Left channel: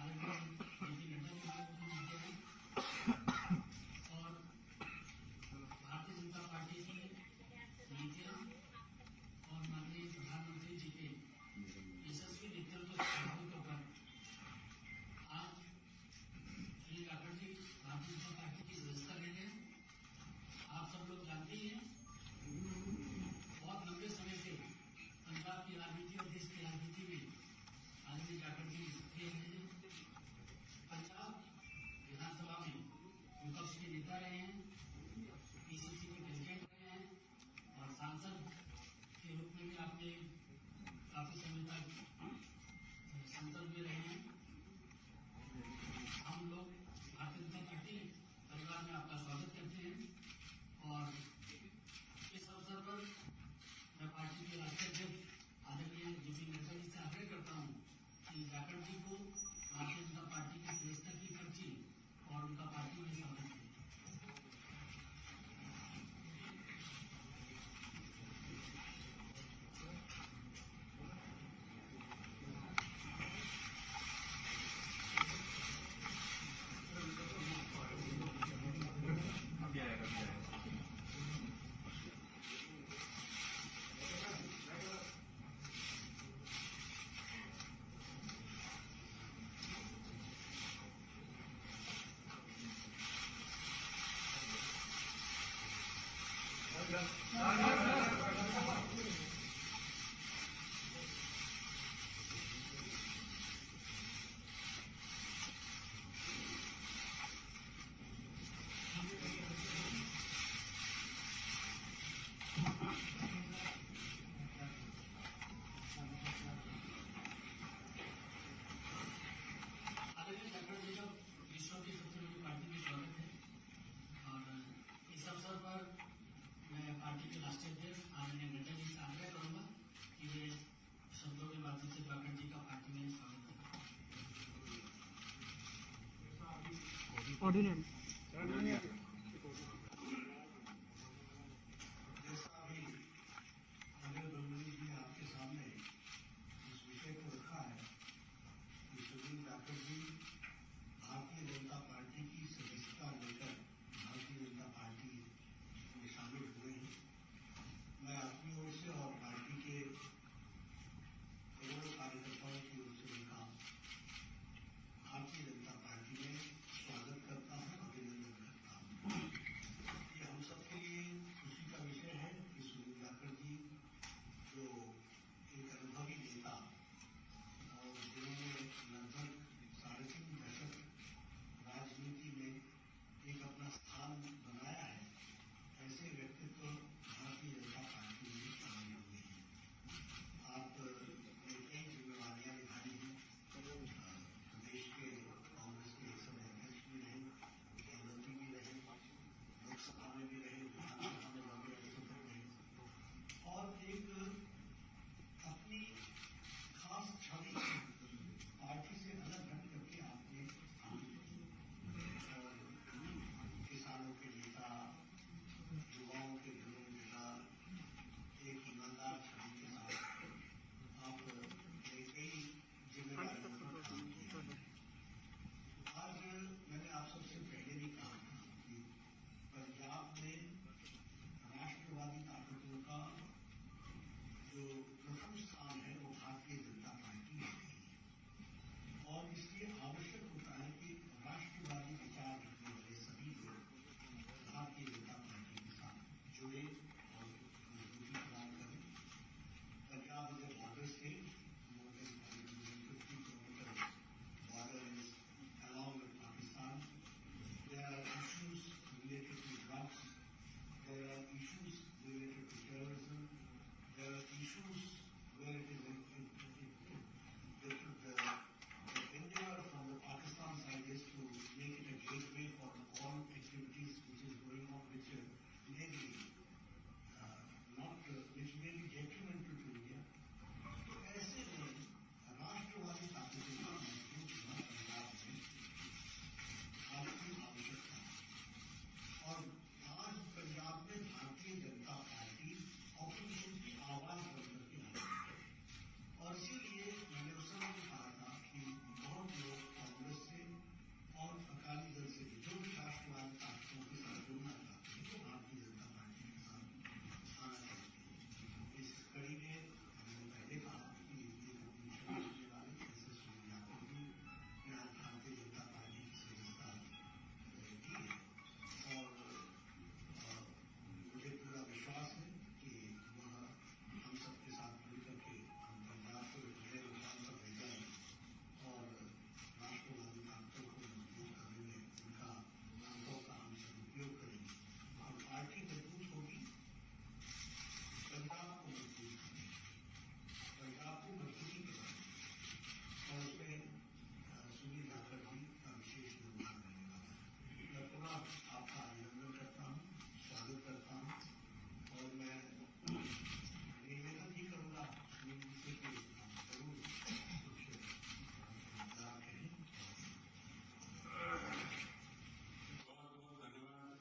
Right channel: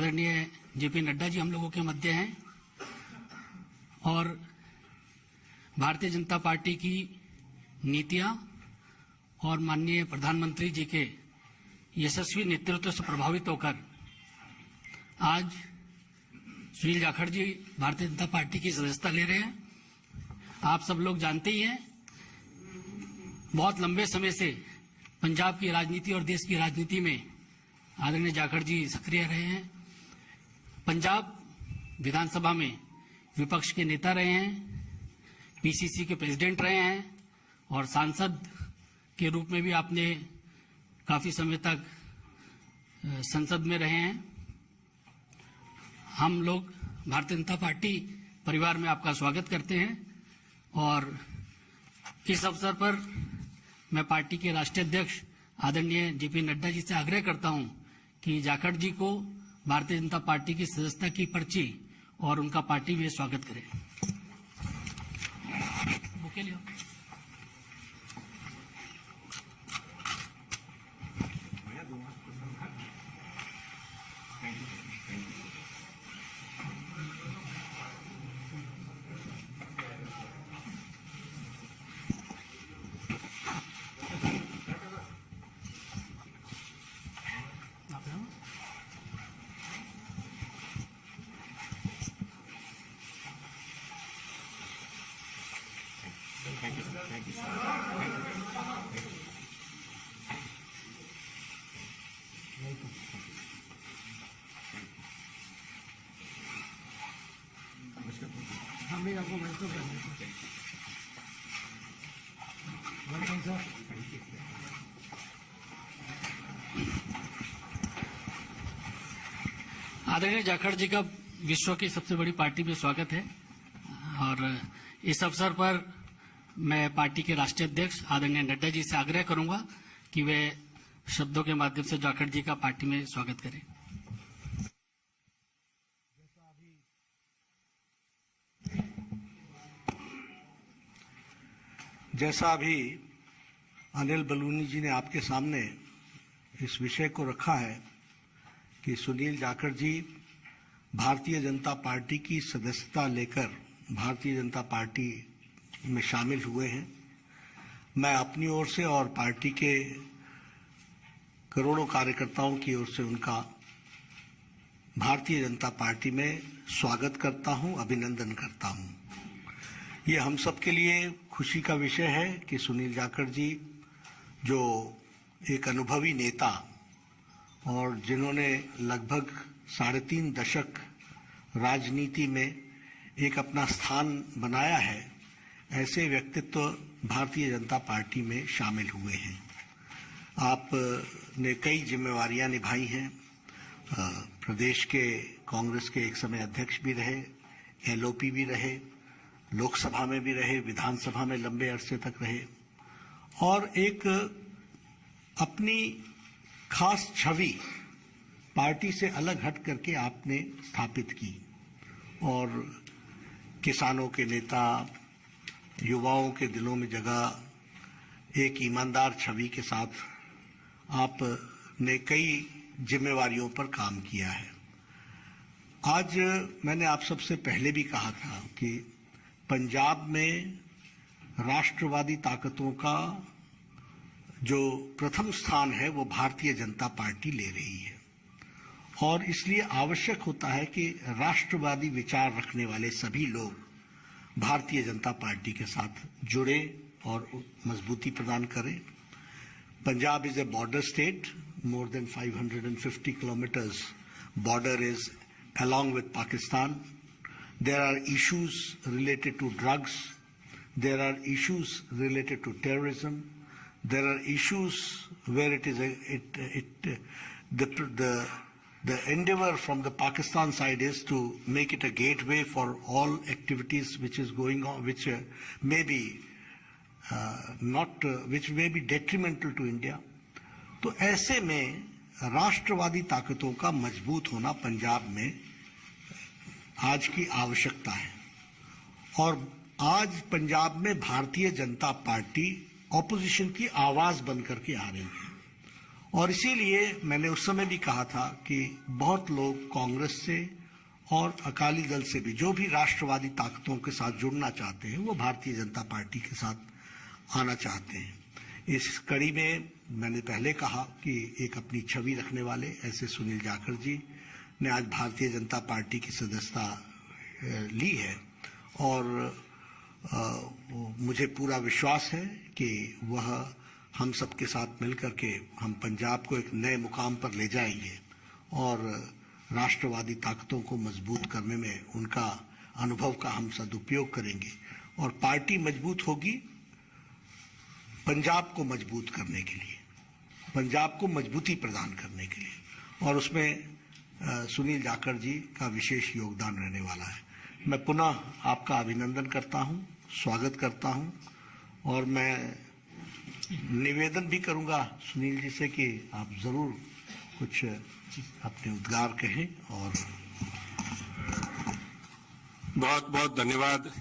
आदरणीय जेपी नड्डा जी हम लोगों के मध्य हैं और भारतीय जनता पार्टी की नीतियां और माननीय प्रधानमंत्री जी के यशस्वी नेतृत्व से प्रभावित होकर आज सुनील जाखड़ जी भारतीय जनता पार्टी की सदस्यता ले रहे हैं। आप सब लोग जानते ही हैं, बहुत लंबे समय से पंजाब की राजनीति और देश की राजनीति में आदरणीय जाखड़ जी सक्रिय रहे हैं। पंजाब विधानसभा में विपक्ष के नेता रहे हैं, पीसीसी के प्रेसिडेंट रहे हैं और सांसद के रूप में भी आपने काफी समय तक संसद में रहे हैं। हम लोग भारतीय जनता पार्टी परिवार में आपका स्वागत करते हैं और इस अवसर पर मैं पार्टी के राष्ट्रीय अध्यक्ष आदरणीय जेपी नड्डा जी से आग्रह करता हूं कि जाखड़ जी को भारतीय जनता पार्टी की सदस्यता की पर्ची और उनका पार्टी में स्वागत करें। बुके लियो। आदरणीय जाखड़ जी का विश्व की सबसे बड़ी पार्टी में स्वागत है और इस अवसर पर मैं पार्टी के राष्ट्रीय अध्यक्ष आदरणीय नड्डा जी से आग्रह करूंगा कि वे शब्दों के माध्यम से जाखड़ जी का पार्टी में स्वागत करें। जैसा अभी अनिल बलूनी जी ने आपके सामने इस विषय को रखा है कि सुनील जाखड़ जी भारतीय जनता पार्टी की सदस्यता लेकर भारतीय जनता पार्टी में शामिल हुए हैं, मैं अपनी ओर से और पार्टी के करोड़ों कार्यकर्ताओं की ओर से उनका भारतीय जनता पार्टी में स्वागत करता हूं, अभिनंदन करता हूं। ये हम सब के लिए खुशी का विषय है कि सुनील जाखड़ जी जो एक अनुभवी नेता और जिन्होंने लगभग 3.5 दशक राजनीति में एक अपना स्थान बनाया है, ऐसे व्यक्तित्व भारतीय जनता पार्टी में शामिल हुए हैं। आपने कई जिम्मेवारियां निभाई हैं, प्रदेश के कांग्रेस के एक समय अध्यक्ष भी रहे, एलओपी भी रहे, लोकसभा में भी रहे, विधानसभा में लंबे अरसे तक रहे और एक अपनी खास छवि पार्टी से अलग हट करके आपने स्थापित की और किसानों के नेता, युवाओं के दिलों में जगह एक ईमानदार छवि के साथ आपने कई जिम्मेवारियों पर काम किया है। आज मैंने आप सबसे पहले भी कहा था कि पंजाब में राष्ट्रवादी ताकतों का जो प्रथम स्थान है वो भारतीय जनता पार्टी ले रही है और इसलिए आवश्यक होता है कि राष्ट्रवादी विचार रखने वाले सभी लोग भारतीय जनता पार्टी के साथ जुड़े और मजबूती प्रदान करें। Punjab is a border state, more than 550 kilometers border is along with Pakistan. There are issues related to drugs, there are issues related to terrorism, there are issues where it is the endeavor from the Pakistan side is to make it a gateway for all activities which is going on, which may be which may be detrimental to India. तो ऐसे में राष्ट्रवादी ताकतों का मजबूत होना पंजाब में आज की आवश्यकता है और आज पंजाब में भारतीय जनता पार्टी ऑपोजिशन की आवाज बन करके आ रही है और इसीलिए मैंने उस समय भी कहा था कि बहुत लोग कांग्रेस से और अकाली दल से भी, जो भी राष्ट्रवादी ताकतों के साथ जुड़ना चाहते हैं, वो भारतीय जनता पार्टी के साथ आना चाहते हैं। इस कड़ी में मैंने पहले कहा कि एक अपनी छवि रखने वाले ऐसे सुनील जाखड़ जी ने आज भारतीय जनता पार्टी की सदस्यता ली है और मुझे पूरा विश्वास है कि वह हम सबके साथ मिलकर के हम पंजाब को एक नए मुकाम पर ले जाएंगे और राष्ट्रवादी ताकतों को मजबूत करने में उनका अनुभव का हम सदुपयोग करेंगे और पार्टी मजबूत होगी पंजाब को मजबूत करने के लिए, पंजाब को मजबूती प्रदान करने के लिए, और उसमें सुनील जाखड़ जी का विशेष योगदान रहने वाला है। मैं पुनः आपका अभिनंदन करता हूं, स्वागत करता हूं और मैं निवेदन भी करूंगा सुनील जी से कि आप जरूर कुछ अपने उद्गार कहें। और बहुत बहुत धन्यवाद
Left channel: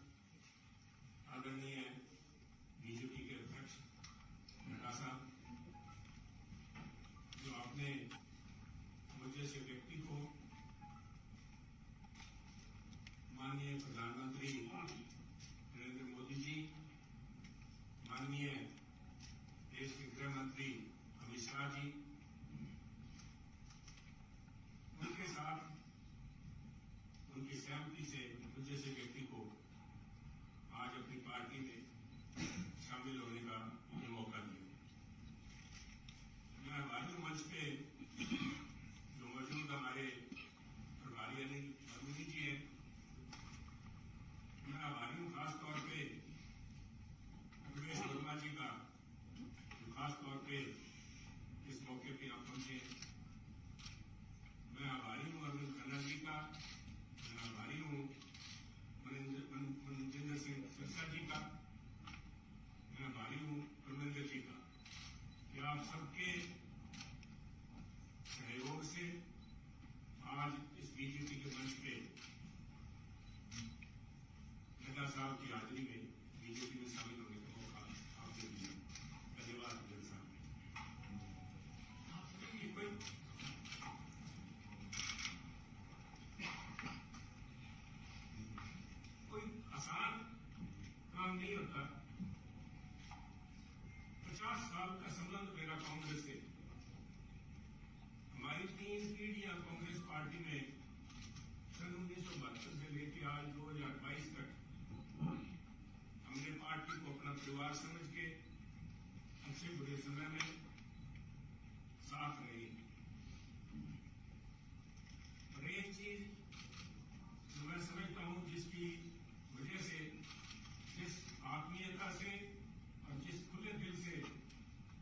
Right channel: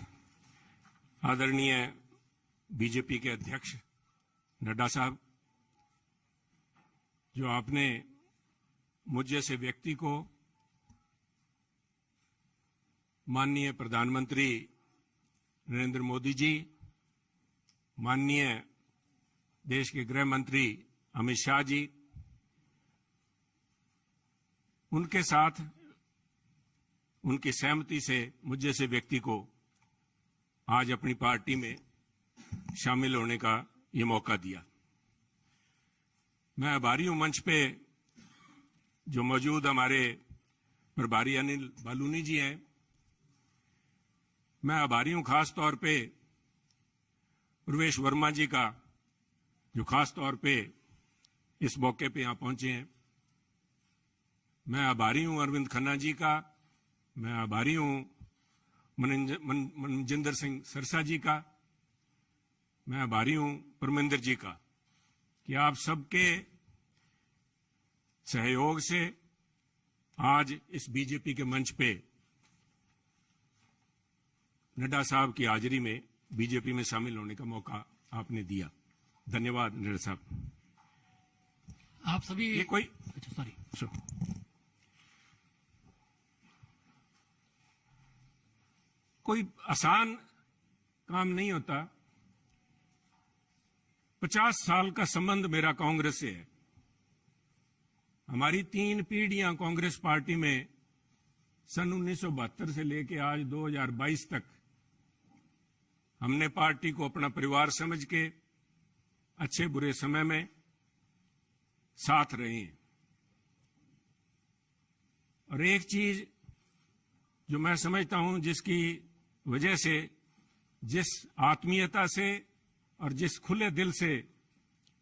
आदरणीय बीजेपी के अध्यक्ष नड्डा साहब, जो आपने मुझ जैसे व्यक्ति को माननीय प्रधानमंत्री नरेंद्र मोदी जी, माननीय देश के गृह मंत्री अमित शाह जी, उनके साथ उनकी सहमति से मुझ जैसे व्यक्ति को आज अपनी पार्टी में शामिल होने का ये मौका दिया। मैं आभारी हूं मंच पे जो मौजूद हमारे प्रभारी अनिल बालूनी जी हैं। मैं आभारी हूं खास तौर पे प्रवेश वर्मा जी का, जो खास तौर पे इस मौके पे यहां पहुंचे हैं। मैं आभारी हूं अरविंद खन्ना जी का, मैं आभारी हूं मनजिंदर सिंह सरसा जी का, मैं आभारी हूं परमिंदर जी का कि आप सबके सहयोग से आज इस बीजेपी के मंच पे नड्डा साहब की हाजिरी में बीजेपी में शामिल होने का मौका आपने दिया। धन्यवाद नड्डा साहब। आप सभी ये कोई कोई आसान काम नहीं होता। 50 साल का संबंध मेरा कांग्रेस से है। हमारी 3 पीढ़ियां कांग्रेस पार्टी में सन 1972 से लेकर आज 2022 तक हमने पार्टी को अपना परिवार समझ के अच्छे बुरे समय में साथ रहे हैं। और एक चीज जो मैं समझता हूं, जिसकी वजह से, जिस आत्मीयता से और जिस खुले दिल से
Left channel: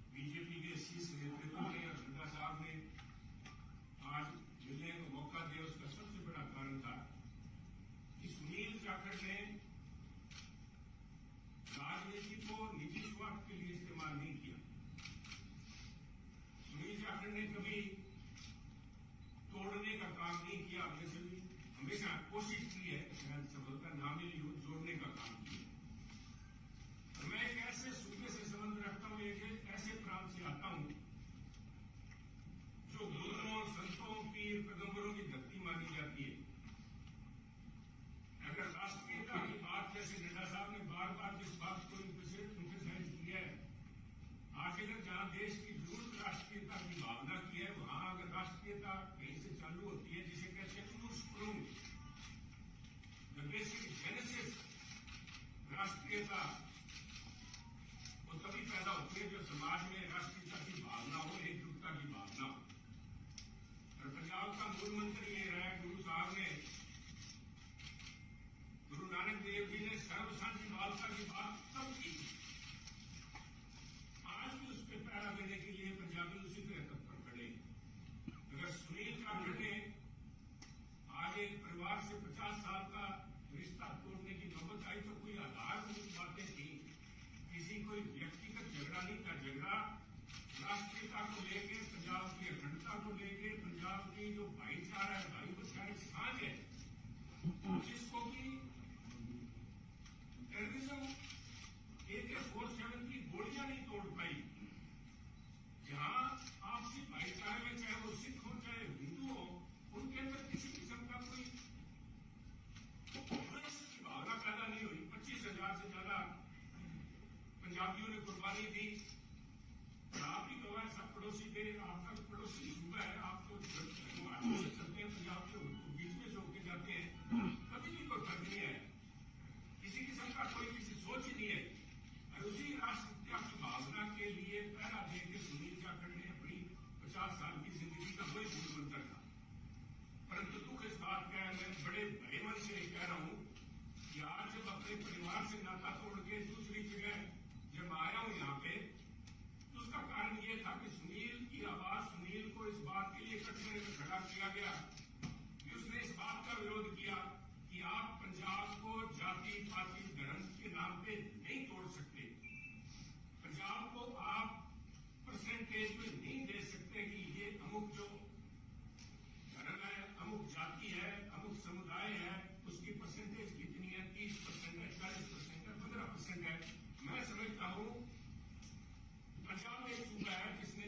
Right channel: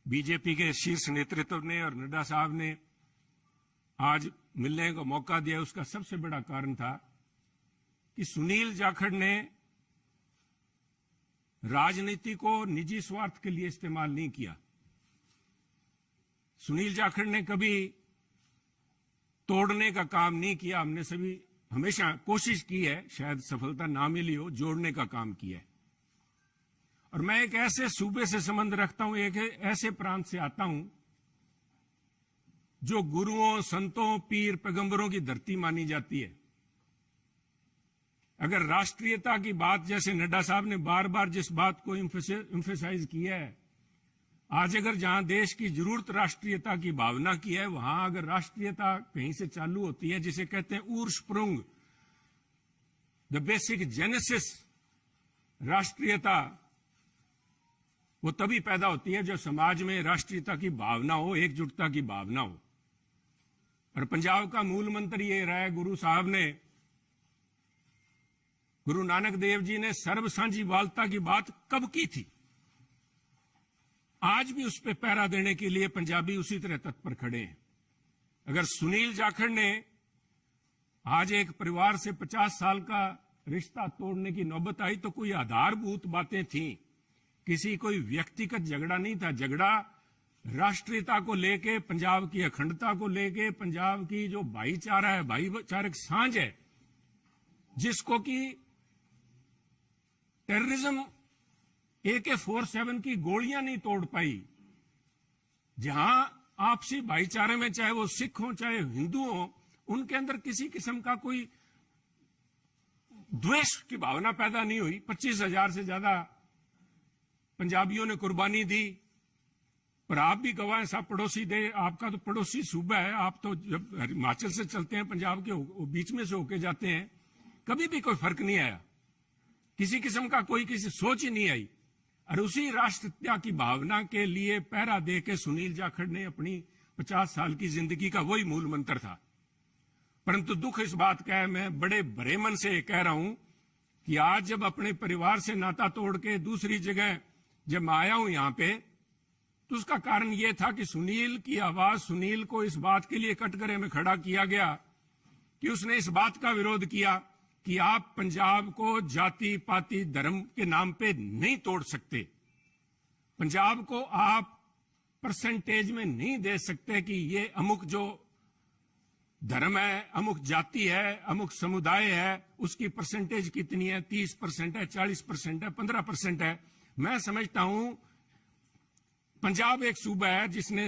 बीजेपी के शीर्ष नेतृत्व ने और नड्डा साहब ने आज मिलने का मौका दिया, उसका सबसे बड़ा कारण था कि सुनील जाखड़ ने राजनीति को निजी स्वार्थ के लिए इस्तेमाल नहीं किया। सुनील जाखड़ ने कभी तोड़ने का काम नहीं किया। हमने सभी हमेशा कोशिश की है, शायद सफलता ना मिली हो, जोड़ने का काम किया है। और मैं एक ऐसे सूबे से संबंध रखता हूं, एक ऐसे प्रांत से आता हूं जो गुरुओं, संतों, पीर, पैगंबरों की धरती मानी जाती है। अगर राष्ट्रीयता की बात, जैसे नड्डा साहब ने बार बार जिस बात को एम्फेसाइज किया है, आज अगर जहां देश की जरूरत राष्ट्रीयता की भावना की है, वहां अगर राष्ट्रीयता कहीं से चालू होती है, जिसे कहते हैं उर्स्प्रुंग, द बेसिक जेनेसिस, राष्ट्रीयता वो तभी पैदा होती है जब समाज में राष्ट्रीयता की भावना हो, एकजुटता की भावना हो। और पंजाब का मूल मंत्र ये रहा है, गुरु साहब ने, गुरु नानक देव जी ने सर्व साझीवालता की बात कब की थी? आज भी उस पर पहरा देने के लिए पंजाबी उसी तरह तत्पर खड़े हैं। अगर सुनील जाखड़ ने आज एक परिवार से 50 साल का रिश्ता तोड़ने की नौबत आई तो कोई आधारभूत बातें थीं, किसी कोई व्यक्तिगत झगड़ा नहीं था। झगड़ा राष्ट्रीयता को लेके, पंजाब की अखंडता को लेके, पंजाब की जो भाईचारा है, भाईचारक सांझ है, जिसको कि टेररिज्म AK-47 की गोलियां नहीं तोड़ पाई, जहां आपसी भाईचारे में, चाहे वो सिख हो चाहे हिंदू हो, उनके अंदर किसी किस्म का कोई द्वेष की भावना पैदा नहीं हुई। 25,000 से ज्यादा पंजाबियों ने कुर्बानी दी। पर आप भी गवाह हैं, साहब पड़ोसी दे, आपका तो पड़ोसी सूबा है, आप तो जब हिमाचल से चलते हैं पंजाब के बीच में से होके जाते हैं, कभी भी कोई फर्क नहीं आया, किसी किस्म का कोई किसी सोच ही नहीं आई। और उसी राष्ट्रीयता की भावना के लिए पहरा दे के सुनील जाखड़ ने अपनी 50 साल की जिंदगी का वही मूल मंत्र था। परंतु दुख इस बात का है, मैं बड़े भरे मन से कह रहा हूं कि आज जब अपने परिवार से नाता तोड़ के दूसरी जगह जब मैं आया हूं यहां पे, तो उसका कारण यह था कि सुनील की आवाज, सुनील को इस बात के लिए कटघरे में खड़ा किया गया कि उसने इस बात का विरोध किया कि आप पंजाब को जाति पाति धर्म के नाम पे नहीं तोड़ सकते, पंजाब को आप परसेंटेज में नहीं दे सकते कि ये अमुक जो धर्म है, अमुक जाति है, अमुक समुदाय है, उसकी परसेंटेज कितनी है, 30% है, 40% है, 15% है। मैं समझता हूं पंजाब एक सूबा है जिसने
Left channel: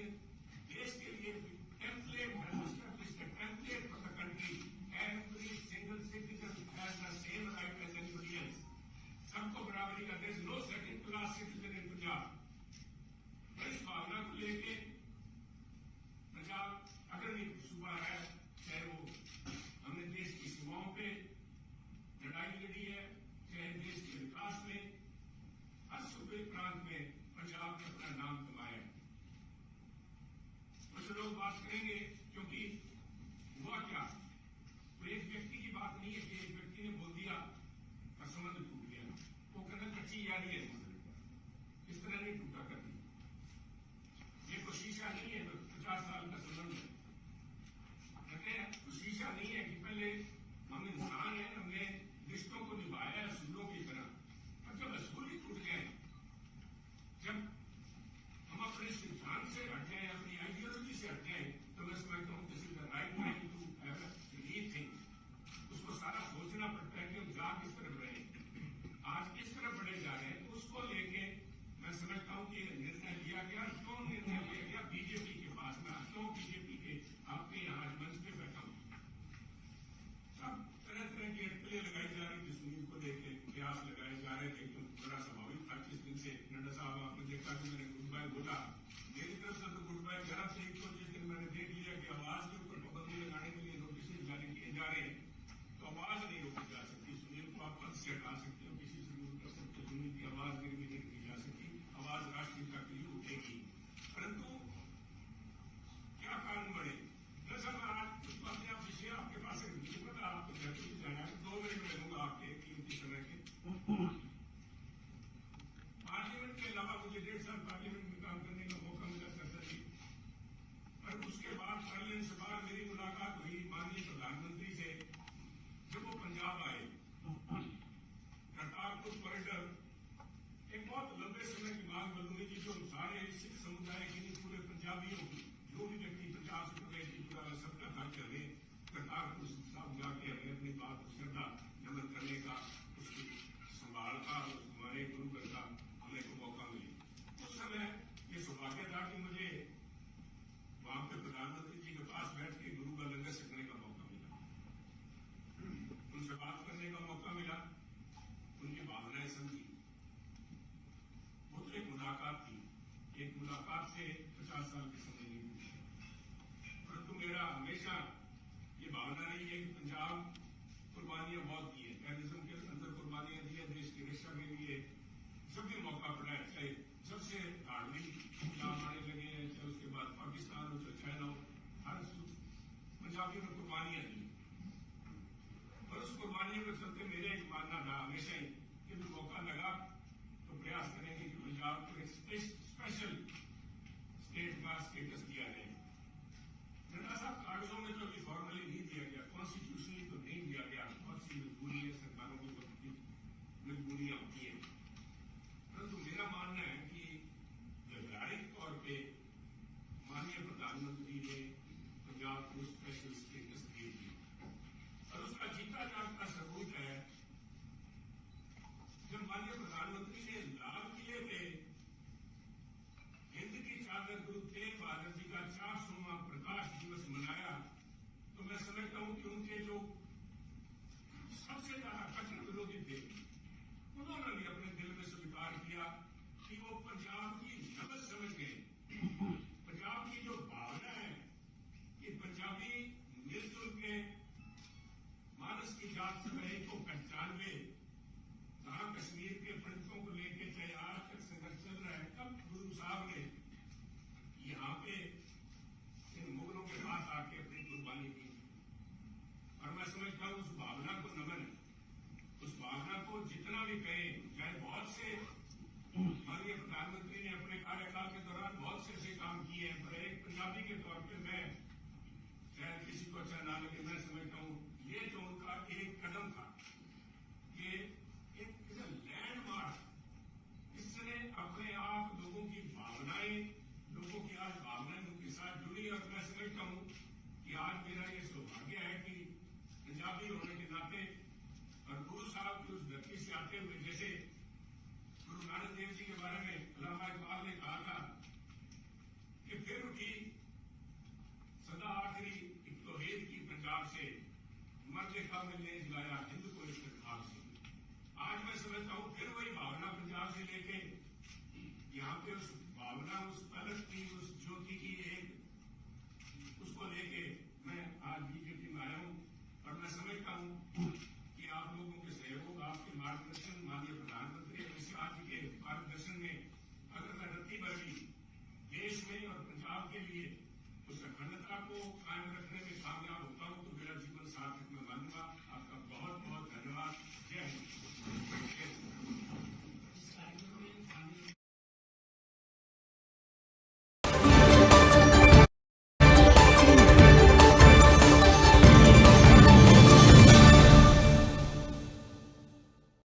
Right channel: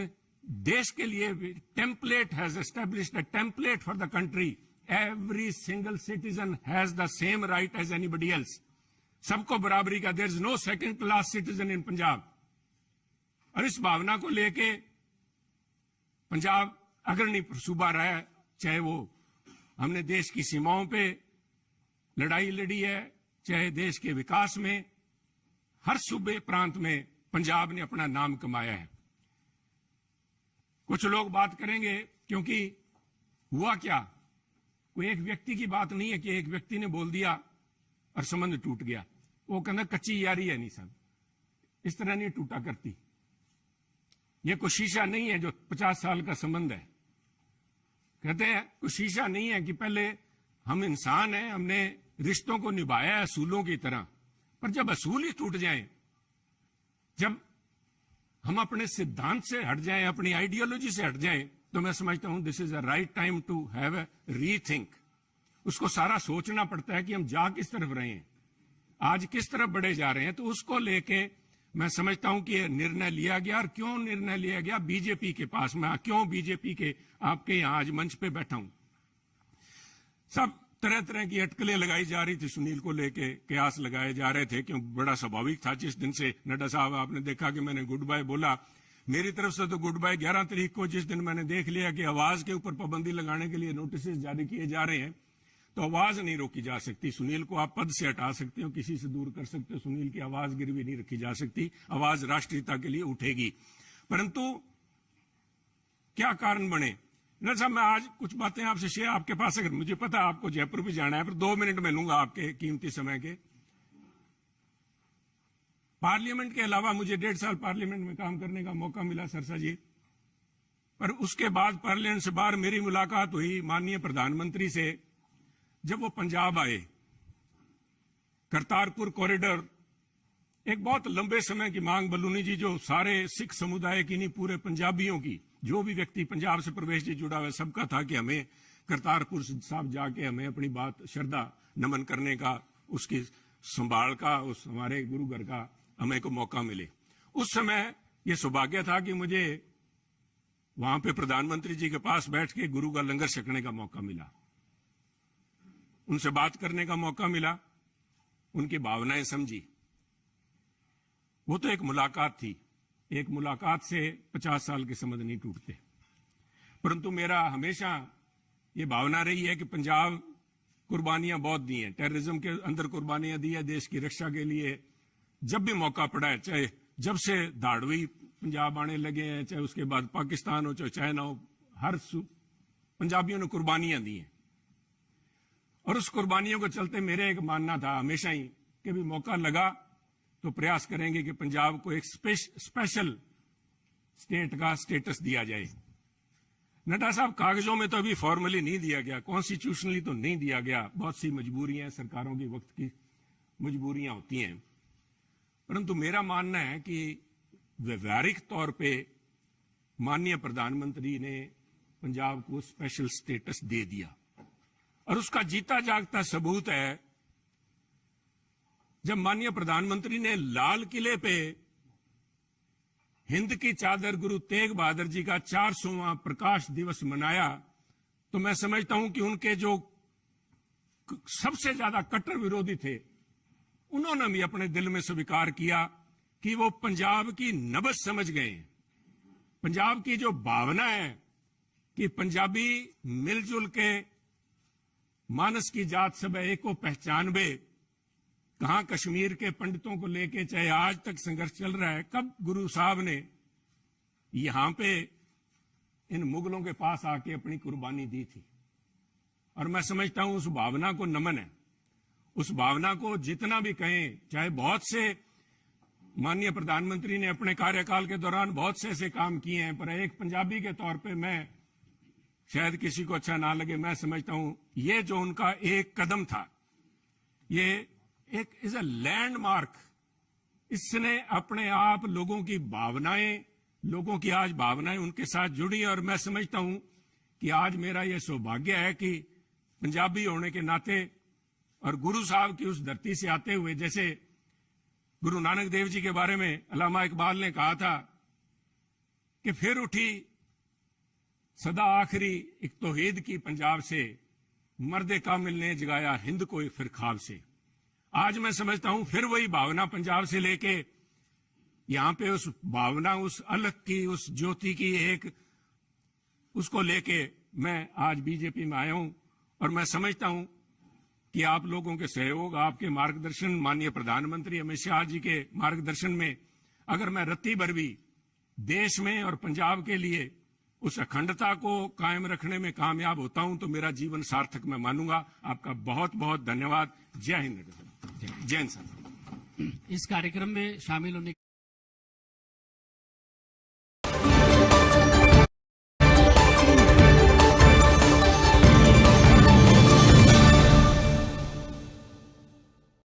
देश के लिए template has established a template for the country. Every single citizen has the same right as anybody else. सबको बराबरी का, there is no second class citizen in Punjab. और इस भावना को लेके पंजाब अग्रणी सूबा रहा है, चाहे वो हमने देश की सीमाओं पे लड़ाई लड़ी है, चाहे देश के विकास में, हर सूबे प्रांत में पंजाब ने अपना नाम कमाया है। कुछ लोग बात करेंगे क्योंकि हुआ क्या, कोई एक व्यक्ति की बात नहीं है कि एक व्यक्ति ने बोल दिया और संबंध टूट गया। वो कहना कच्ची यारी है नहीं सन, इस तरह नहीं टूटा करती। ये कोई शीशा नहीं है जो 50 साल का संबंध है। कहते हैं कोई शीशा नहीं है कि पहले हम इंसान हैं, हमने रिश्तों को निभाया है असूलों की तरह, पर जब असूल ही टूट जाएं, जब हम अपने सिद्धांत से हट जाएं, अपनी आइडियोलॉजी से हट जाएं, तो मैं समझता हूं this is a right time to have a rethink. उसको सारा सोचना पड़ता है कि हम जा किस तरफ रहे हैं, आज किस तरफ बढ़े जा रहे हैं। तो उसको लेके मैं समझता हूं कि यह निर्णय लिया गया। और क्यों निर्णय लिया गया, बीजेपी के पास, मैं क्यों बीजेपी के आपके यहां आज मंच पे बैठा हूं। सब तरह तरह की अटकलें लगाई जा रही थी सुनील को लेके, कयास लगाए जा रहे थे, क्यों बड़ा स्वाभाविक था। जिस दिन से नड्डा साहब आपने देखा कि मैंने गुड बाय बोला, मेरी तरफ से तो गुड बाय 11 तारीख को, जिस दिन मैंने देख लिया कि आवाज के ऊपर पाबंदी लगाने के लिए नोटिस जारी किए जा रहे हैं, तो आवाज नहीं रोकी जा सकती। सुनील को आप पद से हटा सकते हो, किसी से दूर कर सकते हो, सुनील की आवाज गिरवी नहीं रखी जा सकती। आवाज राष्ट्रीयता के लिए उठेगी। परंतु क्या कारण बने ना साहब, मैं आज कुछ बातें आपसे शेयर, आपके पास अगर मुझे पता आपको जयपुर भी जाना है, पर 2 मिनट में लूंगा आपके कीमती समय के। पार्लियामेंट के अलावा मुझे 1.5 साल पार्लियामेंट में काम करने का मौका मिला सरसा जी, पर उसके बाद पार्लियामेंट से बाहर मेरी मुलाकात हुई माननीय प्रधानमंत्री से, जब वो पंजाब आए। करतारपुर कॉरिडोर एक बहुत लंबे समय की मांग, बलूनी जी, जो सारे सिख समुदाय की नहीं, पूरे पंजाबियों की, जो भी व्यक्ति पंजाब से प्रवेश जी जुड़ा हुआ है, सबका था कि हमें करतारपुर साहब जाके हमें अपनी बात श्रद्धा नमन करने का, उसकी संभाल का, उस हमारे गुरु घर का हमें को मौका मिले। उस समय यह सौभाग्य था कि मुझे वहां पे प्रधानमंत्री जी के पास बैठ के गुरु का लंगर छकने का मौका मिला, उनसे बात करने का मौका मिला, उनकी भावनाएं समझी। वो तो एक मुलाकात थी, एक मुलाकात से 50 साल के संबंध नहीं टूटते। परंतु मेरा हमेशा ये भावना रही है कि पंजाब कुर्बानियां बहुत दी हैं, टेररिज्म के अंदर कुर्बानियां दी है देश की रक्षा के लिए। जब भी मौका पड़ा है, चाहे जब से धाड़वी पंजाब आने लगे हैं, चाहे उसके बाद पाकिस्तान हो, चाहे चाइना हो, हर पंजाबियों ने कुर्बानियां दी हैं। और उस कुर्बानियों को चलते मेरा एक मानना था हमेशा ही कि भी मौका लगा तो प्रयास करेंगे कि पंजाब को एक स्पेशल स्टेट का स्टेटस दिया जाए। नड्डा साहब, कागजों में तो अभी फॉर्मली नहीं दिया गया, कॉन्स्टिट्यूशनली तो नहीं दिया गया, बहुत सी मजबूरियां, सरकारों की वक्त की मजबूरियां होती हैं। परंतु मेरा मानना है कि व्यवहारिक तौर पे माननीय प्रधानमंत्री ने पंजाब को स्पेशल स्टेटस दे दिया। और उसका जीता जागता सबूत है जब माननीय प्रधानमंत्री ने लाल किले पे हिंद की चादर गुरु तेग बहादुर जी का 400वां प्रकाश दिवस मनाया, तो मैं समझता हूं कि उनके जो सबसे ज्यादा कट्टर विरोधी थे, उन्होंने भी अपने दिल में स्वीकार किया कि वो पंजाब की नब्ज समझ गए। पंजाब की जो भावना है कि पंजाबी मिलजुल के मानस की जात सब एक को पहचानबे, कहां कश्मीर के पंडितों को लेके चाहे आज तक संघर्ष चल रहा है, कब गुरु साहब ने यहां पे इन मुगलों के पास आके अपनी कुर्बानी दी थी। और मैं समझता हूं उस भावना को नमन है। उस भावना को जितना भी कहें, चाहे बहुत से माननीय प्रधानमंत्री ने अपने कार्यकाल के दौरान बहुत से ऐसे काम किए हैं, पर एक पंजाबी के तौर पे मैं, शायद किसी को अच्छा ना लगे, मैं समझता हूं ये जो उनका एक कदम था, ये एक इज अ लैंडमार्क। इसने अपने आप लोगों की भावनाएं, लोगों की आज भावनाएं उनके साथ जुड़ी। और मैं समझता हूं कि आज मेरा यह सौभाग्य है कि पंजाबी होने के नाते और गुरु साहब की उस धरती से आते हुए, जैसे गुरु नानक देव जी के बारे में अल्लामा इकबाल ने कहा था कि फिर उठी सदा आखिरी एक तौहीद की पंजाब से, मर्दे कामिल ने जगाया हिंद को एक फिर ख्वाब से। आज मैं समझता हूं फिर वही भावना पंजाब से लेके यहां पे उस भावना, उस अलग की, उस ज्योति की एक, उसको लेके मैं आज बीजेपी में आया हूं। और मैं समझता हूं कि आप लोगों के सहयोग, आपके मार्गदर्शन, माननीय प्रधानमंत्री अमित शाह जी के मार्गदर्शन में अगर मैं रत्ती भर भी देश में और पंजाब के लिए उस अखंडता को कायम रखने में कामयाब होता हूं तो मेरा जीवन सार्थक मैं मानूंगा। आपका बहुत बहुत धन्यवाद। जय हिंद, जय हिंद। इस कार्यक्रम में शामिल होने